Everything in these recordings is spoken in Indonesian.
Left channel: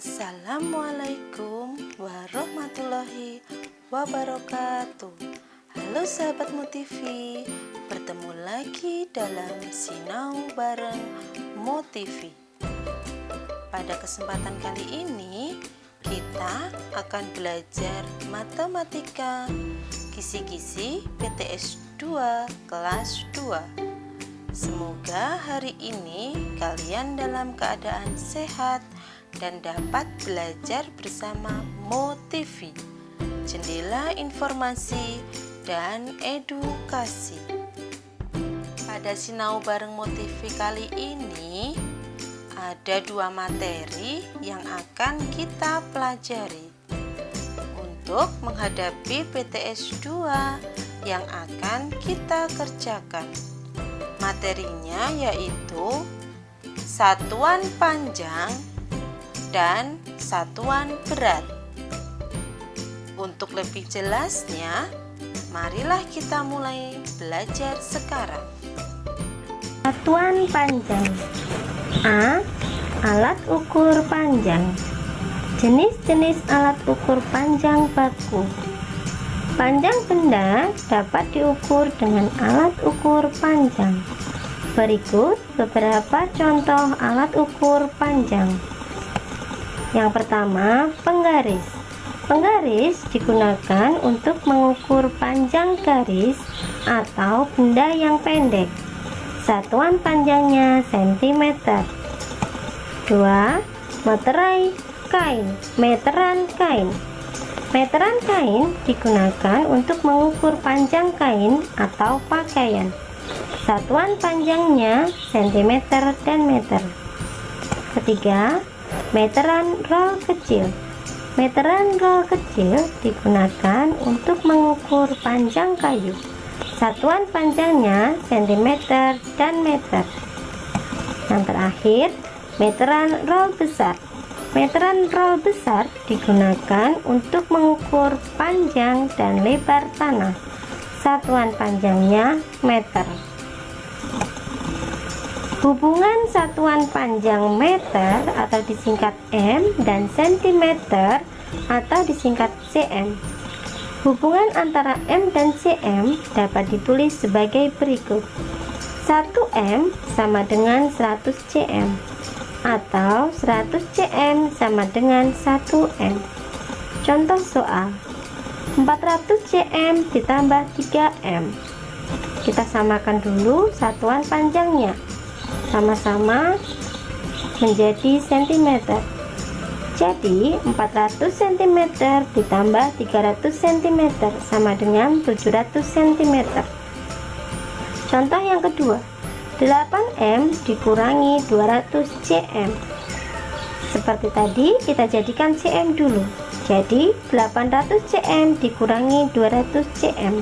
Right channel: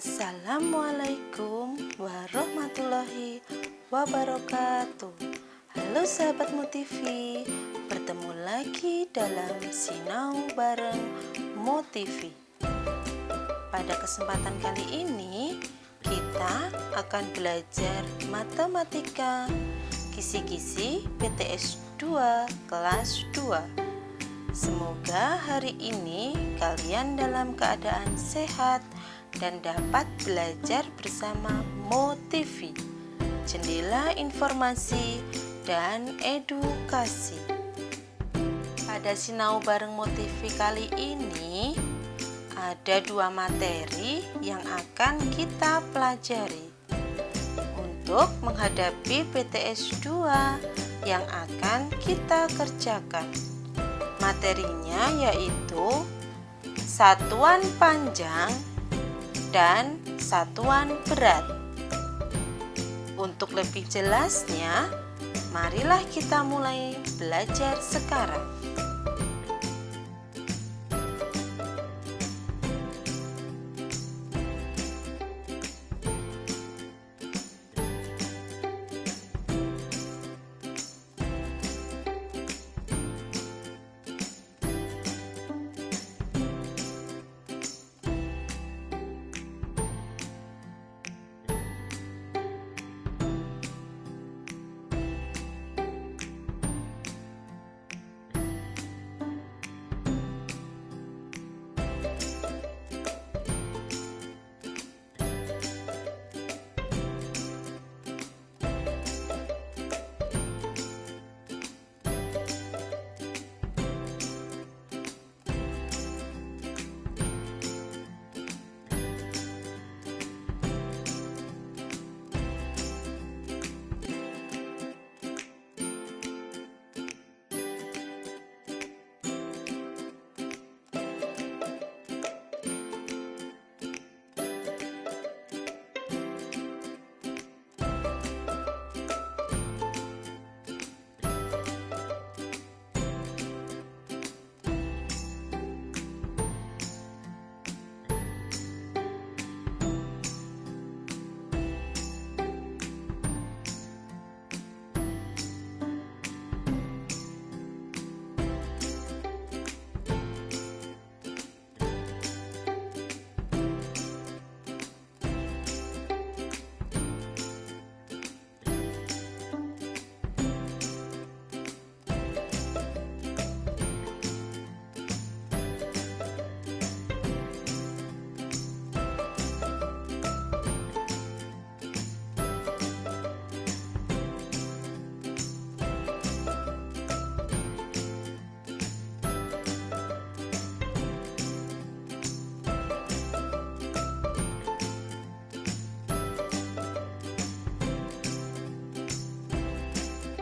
Assalamualaikum warahmatullahi wabarakatuh. Halo sahabat Motivi, bertemu lagi dalam Sinau bareng Motivi. Pada kesempatan kali ini kita akan belajar matematika kisi-kisi PTS 2 kelas 2. Semoga hari ini kalian dalam keadaan sehat dan dapat belajar bersama Motivi, jendela informasi dan edukasi. Pada Sinau bareng Motivi kali ini ada dua materi yang akan kita pelajari untuk menghadapi PTS 2 yang akan kita kerjakan. Materinya yaitu satuan panjang dan satuan berat. Untuk lebih jelasnya, marilah kita mulai belajar sekarang. Satuan panjang. A. Alat ukur panjang. Jenis-jenis alat ukur panjang baku. Panjang benda dapat diukur dengan alat ukur panjang. Berikut beberapa contoh alat ukur panjang. Yang pertama, penggaris. Penggaris digunakan untuk mengukur panjang garis atau benda yang pendek. Satuan panjangnya cm. 2. Meterai kain. Meteran kain. Meteran kain digunakan untuk mengukur panjang kain atau pakaian. Satuan panjangnya cm dan meter. Ketiga, meteran roll kecil. Meteran roll kecil digunakan untuk mengukur panjang kayu. Satuan panjangnya cm dan meter. Yang terakhir, meteran roll besar. Meteran roll besar digunakan untuk mengukur panjang dan lebar tanah. Satuan panjangnya meter. Hubungan satuan panjang meter atau disingkat M dan cm atau disingkat cm. Hubungan antara M dan cm dapat ditulis sebagai berikut. 1M sama dengan 100 cm atau 100 cm sama dengan 1M. Contoh soal, 400 cm ditambah 3M. Kita samakan dulu satuan panjangnya. Sama-sama menjadi cm. Jadi 400 cm ditambah 300 cm sama dengan 700 cm. Contoh yang kedua, 8M dikurangi 200 cm. Seperti tadi kita jadikan cm dulu. Jadi 800 cm dikurangi 200 cm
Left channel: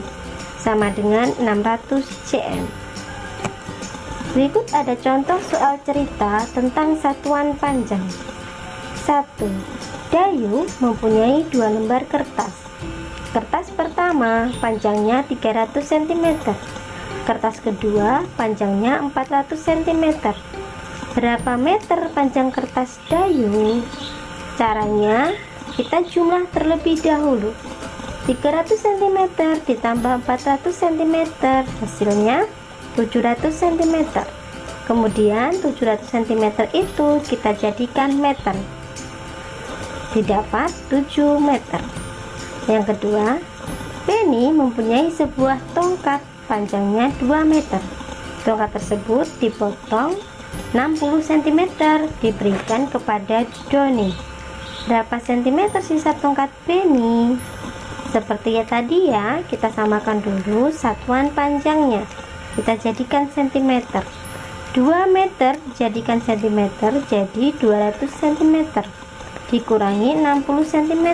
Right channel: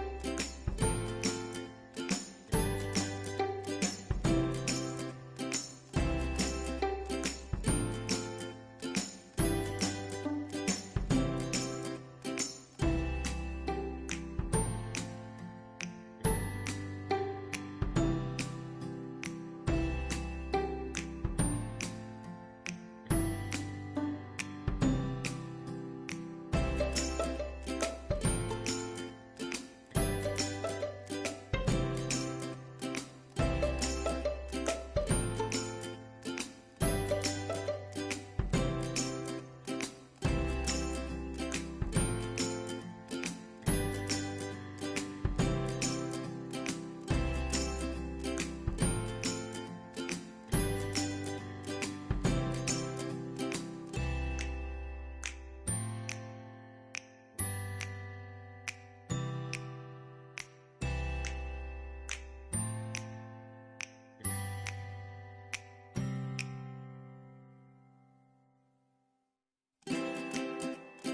sama dengan 600 cm. Berikut ada contoh soal cerita tentang satuan panjang. 1. Dayu mempunyai 2 lembar kertas. Kertas pertama panjangnya 300 cm. Kertas kedua panjangnya 400 cm. Berapa meter panjang kertas Dayu? Caranya kita jumlah terlebih dahulu. 300 cm ditambah 400 cm hasilnya 700 cm. Kemudian 700 cm itu kita jadikan meter. Didapat 7 meter. Yang kedua, Penny mempunyai sebuah tongkat panjangnya 2 meter. Tongkat tersebut dipotong 60 cm diberikan kepada Doni. Berapa cm sisa tongkat Penny? Seperti tadi ya, kita samakan dulu satuan panjangnya. Kita jadikan cm. 2 meter jadikan cm, jadi 200 cm dikurangi 60 cm,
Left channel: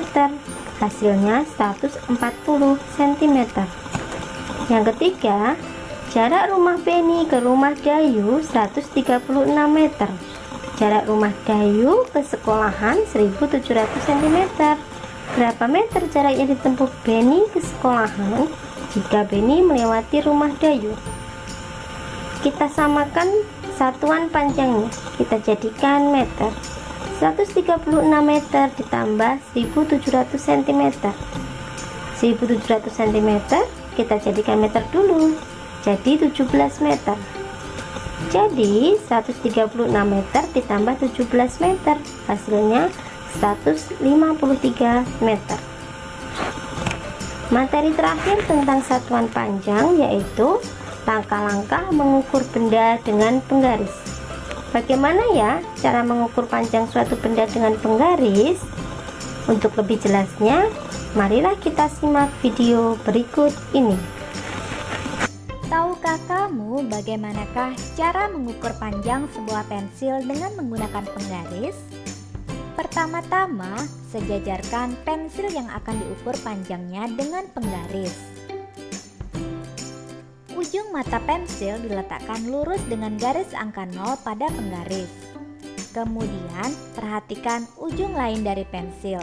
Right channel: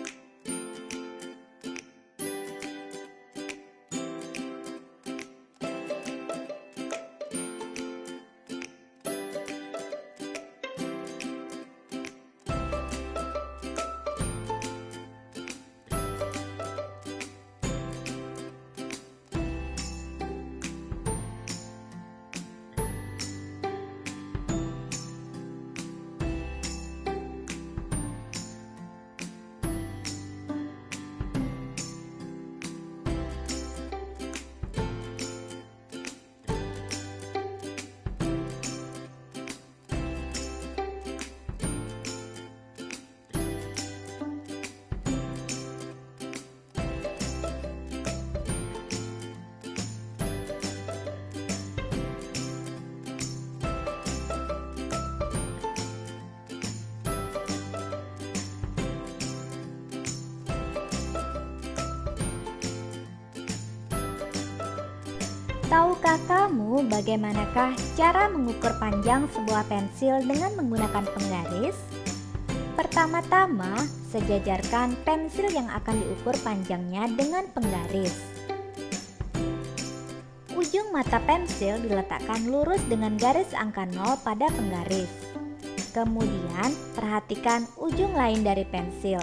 hasilnya 140 cm. Yang ketiga, jarak rumah Penny ke rumah Dayu 136 meter. Jarak rumah Dayu ke sekolahan 1700 cm. Berapa meter jarak yang ditempuh Penny ke sekolahan jika Penny melewati rumah Dayu? Kita samakan satuan panjangnya, kita jadikan meter. 136 meter ditambah 1700 cm. 1700 cm kita jadikan meter dulu, jadi 17 meter. Jadi 136 meter ditambah 17 meter, hasilnya 153 meter. Materi terakhir tentang satuan panjang yaitu langkah-langkah mengukur benda dengan penggaris. Bagaimana ya cara mengukur panjang suatu benda dengan penggaris? Untuk lebih jelasnya, marilah kita simak video berikut ini. Tahukah kamu bagaimanakah cara mengukur panjang sebuah pensil dengan menggunakan penggaris? Pertama-tama, sejajarkan pensil yang akan diukur panjangnya dengan penggaris. Ujung mata pensil diletakkan lurus dengan garis angka 0 pada penggaris. Kemudian, perhatikan ujung lain dari pensil.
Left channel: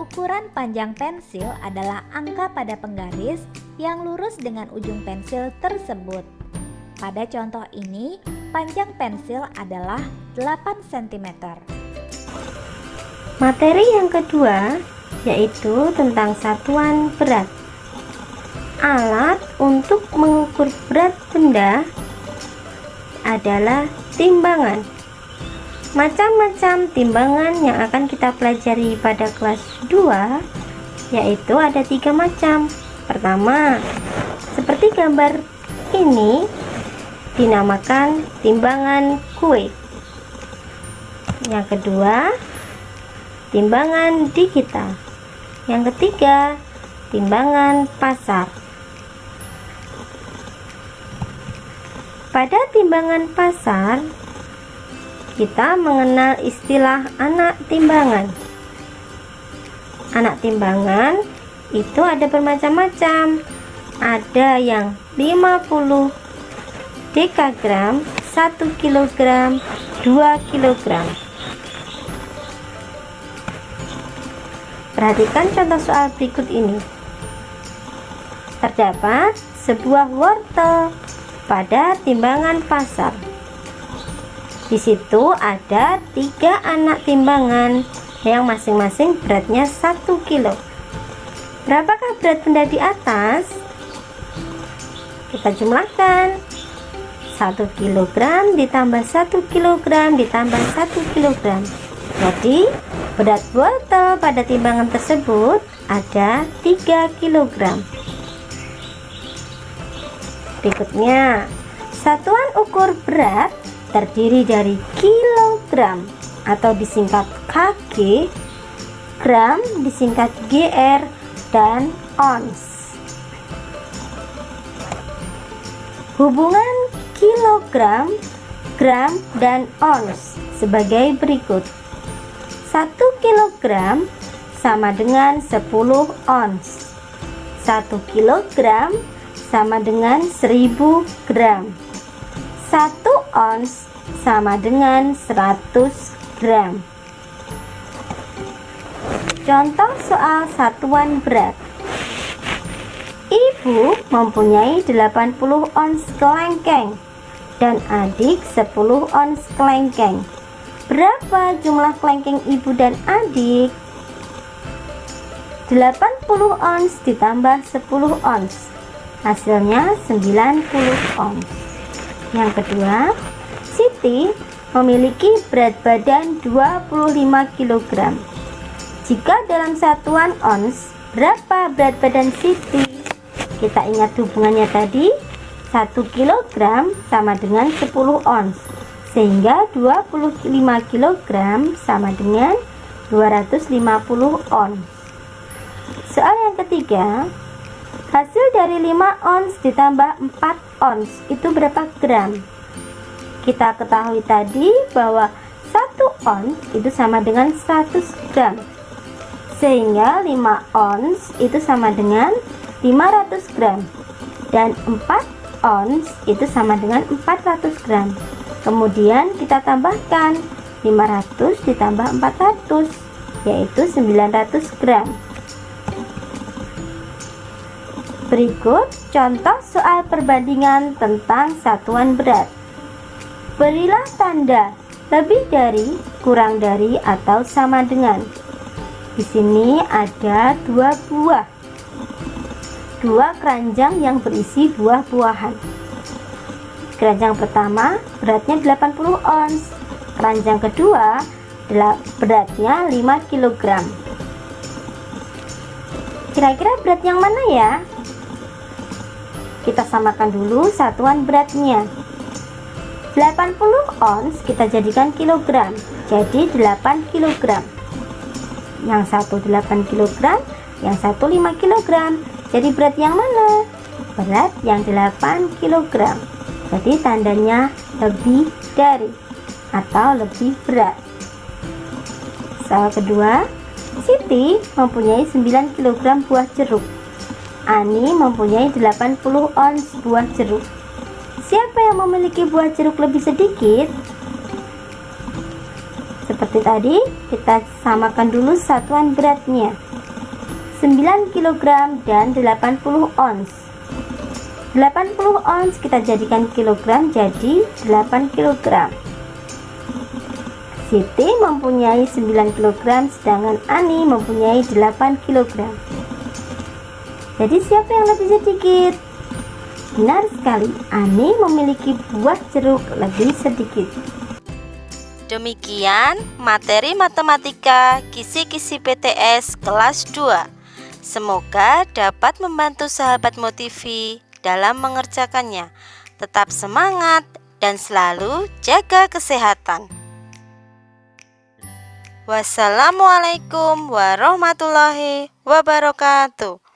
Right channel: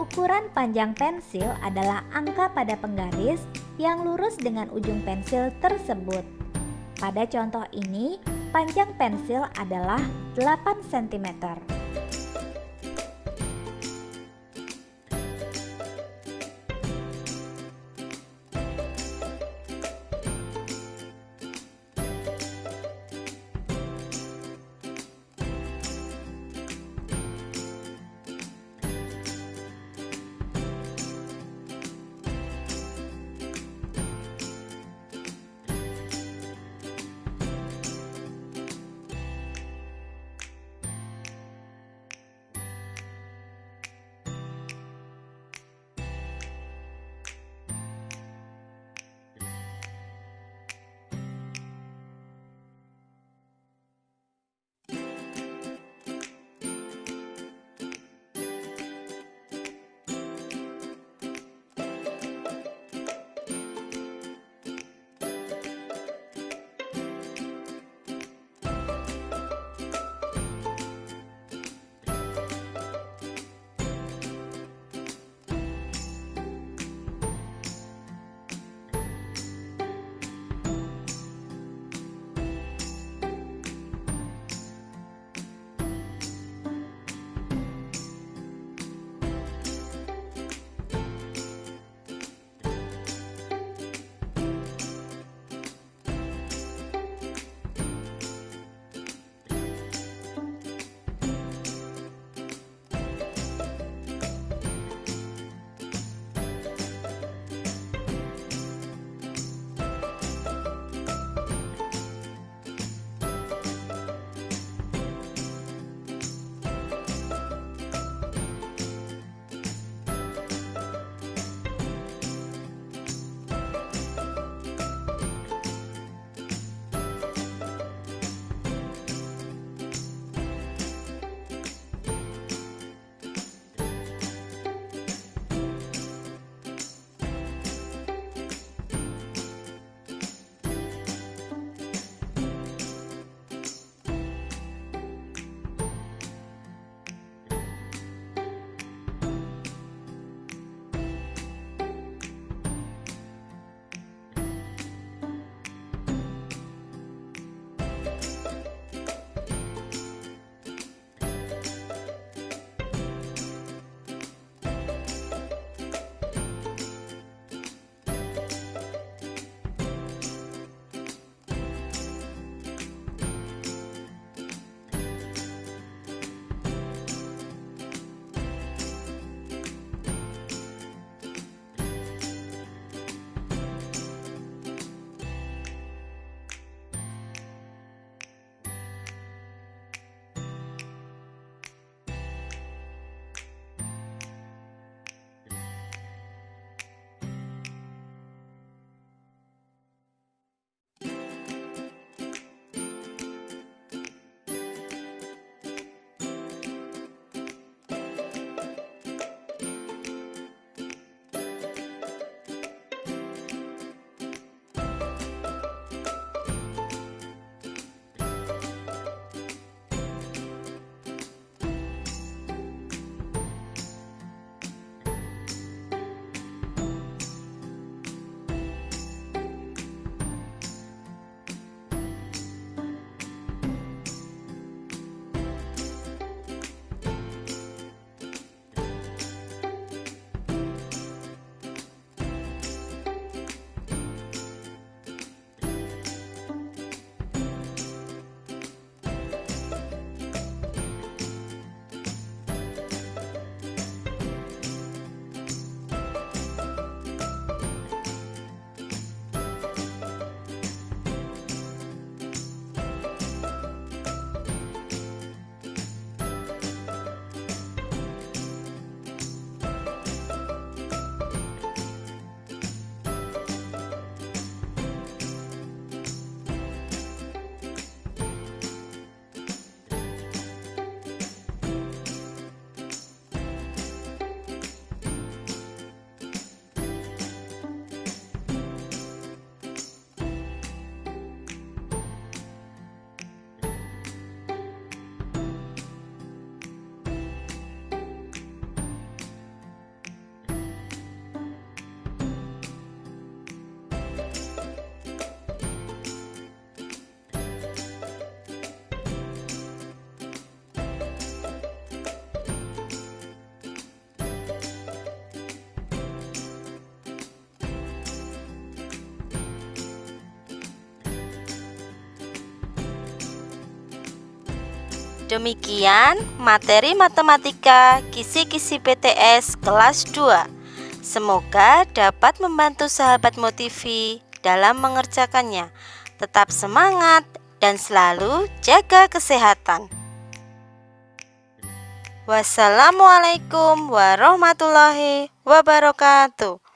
Ukuran panjang pensil adalah angka pada penggaris yang lurus dengan ujung pensil tersebut. Pada contoh ini, panjang pensil adalah 8 cm. Materi yang kedua yaitu tentang satuan berat. Alat untuk mengukur berat benda adalah timbangan. Macam-macam timbangan yang akan kita pelajari pada kelas 2 yaitu ada 3 macam. Pertama, seperti gambar ini dinamakan timbangan kue. Yang kedua, timbangan digital. Yang ketiga, timbangan pasar. Pada timbangan pasar, kita mengenal istilah anak timbangan. Anak timbangan itu ada bermacam-macam. Ada yang 50 dekagram, 1 kilogram, 2 kilogram. Perhatikan contoh soal berikut ini. Terdapat sebuah wortel pada timbangan pasar. Di situ ada 3 anak timbangan yang masing-masing beratnya 1 kilo. Berapakah berat benda di atas? Kita jumlahkan. 1 kilogram ditambah 1 kilogram ditambah 1 kilogram. Jadi berat wortel pada timbangan tersebut ada 3 kilogram. Berikutnya, satuan ukur berat terdiri dari kilogram atau disingkat kg, gram disingkat gr, dan ons. Hubungan kilogram, gram, dan ons sebagai berikut. 1 kilogram sama dengan 10 ons. 1 kilogram sama dengan 1000 gram. 1 ons sama dengan 100 gram. Contoh soal satuan berat. Ibu mempunyai 80 ons kelengkeng dan adik 10 ons kelengkeng. Berapa jumlah kelengkeng ibu dan adik? 80 ons ditambah 10 ons, hasilnya 90 ons. Yang kedua, Siti memiliki berat badan 25 kg. Jika dalam satuan ons, berapa berat badan Siti? Kita ingat hubungannya tadi, 1 kg sama dengan 10 ons, sehingga 25 kg sama dengan 250 ons. Soal yang ketiga, hasil dari 5 ons ditambah 4 ons itu berapa gram? Kita ketahui tadi bahwa 1 ons itu sama dengan 100 gram, sehingga 5 ons itu sama dengan 500 gram, dan 4 ons itu sama dengan 400 gram. Kemudian kita tambahkan 500 ditambah 400, yaitu 900 gram. Berikut contoh soal perbandingan tentang satuan berat. Berilah tanda Lebih dari, kurang dari, atau sama dengan. Di sini ada 2 buah. 2 keranjang yang berisi buah-buahan. Keranjang pertama beratnya 80 ons. Keranjang kedua beratnya 5 kg. Kira-kira berat yang mana ya? Kita samakan dulu satuan beratnya. 80 ons kita jadikan kilogram, jadi 8 kg. Yang satu 8 kg, yang satu 5 kg. Jadi berat yang mana? Berat yang 8 kg. Jadi tandanya lebih dari atau lebih berat. Soal kedua, Siti mempunyai 9 kg buah jeruk. Ani mempunyai 80 ons buah jeruk. Siapa yang memiliki buah jeruk lebih sedikit? Seperti tadi, kita samakan dulu satuan beratnya. 9 kg dan 80 ons. 80 ons kita jadikan kilogram, jadi 8 kg. Siti mempunyai 9 kg, sedangkan Ani mempunyai 8 kg. Jadi siapa yang lebih sedikit? Benar sekali, Ani memiliki buah jeruk lebih sedikit. Demikian materi matematika kisi-kisi PTS kelas 2. Semoga dapat membantu sahabat Motivi dalam mengerjakannya. Tetap semangat dan selalu jaga kesehatan. Wassalamualaikum warahmatullahi wabarakatuh.